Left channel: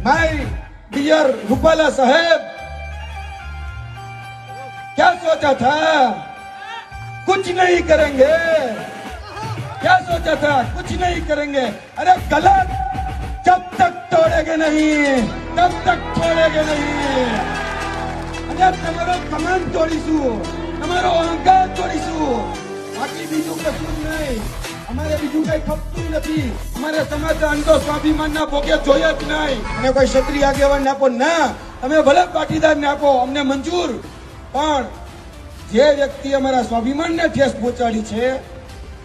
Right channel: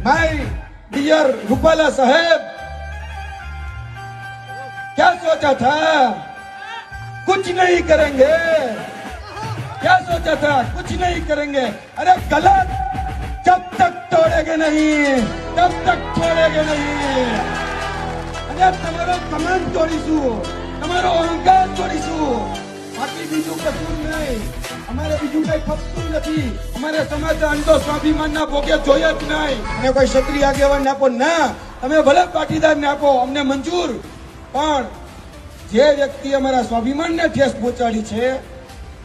My dear Rupala साहेब, क्या सोचा था? कुछ नहीं करेंगे। क्या सोचा था? कुछ नहीं करेंगे। अरे गलत, जब तक तोड़ेंगे नहीं तब तक छोड़ेंगे नहीं। अरे તમારો કમાન તોડીશું, તમારો અહંકાર તોડીશું, બાકી બીજું કશું જ નહીં। અમારે બીજું કઈ ખપતું નથી। અમારે સમાધાન તો સ્વાભિમાનના ભોગે જોઈએ જ નહીં। અને કોઈ ક્ષત્રિય આગેવાન આપો ના, તમે ભલે પાટીદાર ને આપો, અમને મંજૂર, પણ જે વ્યક્તિ અમારા સ્વાભિમાનને ઠેસ પહોંચાડી છે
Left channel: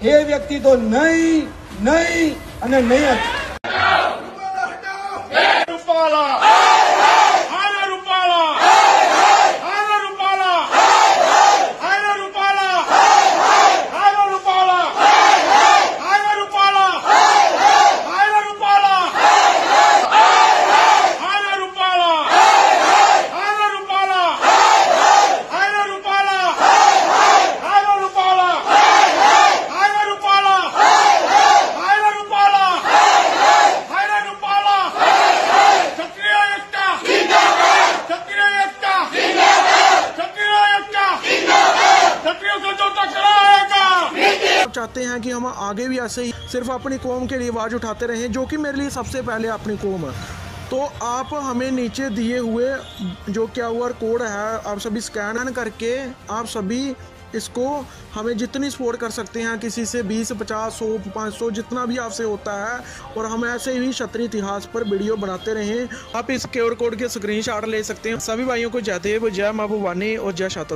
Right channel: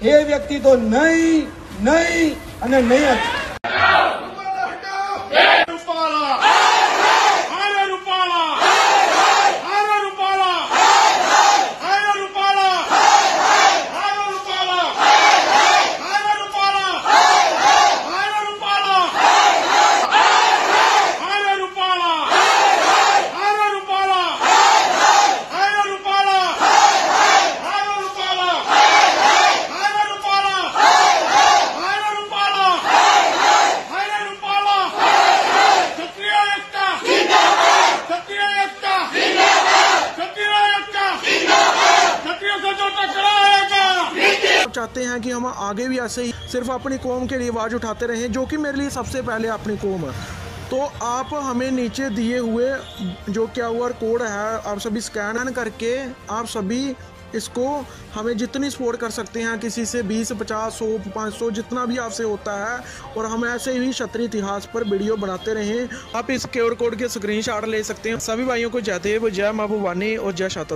એ વ્યક્તિ તો નહીં, નહીં અને નહીં જ। चाहते हैं कि हम आगे भी ऐसे ही सिर्फ अपनी कौम के लिए आवाज़ उठाते रहें, जो कि मेरे लिए सबसे पहले अपनी कौम है। तो आप हमें नीचे दिए हुए जो QR कोड है, आप सभी स्कैन करके आप सभी इसको हमें जितनी सपोर्ट कर सकते हैं, किसी से 20, 50, 100, 500 जितना भी आपसे होता है, और हम ऐसे ही क्षत्रिय इतिहास पर वीडियो बनाते रहें। आप इस QR कोड के स्क्रीनशॉट ले सकते हैं। सभी भाइयों को जय देव, जय माँ भवानी और जय शाता।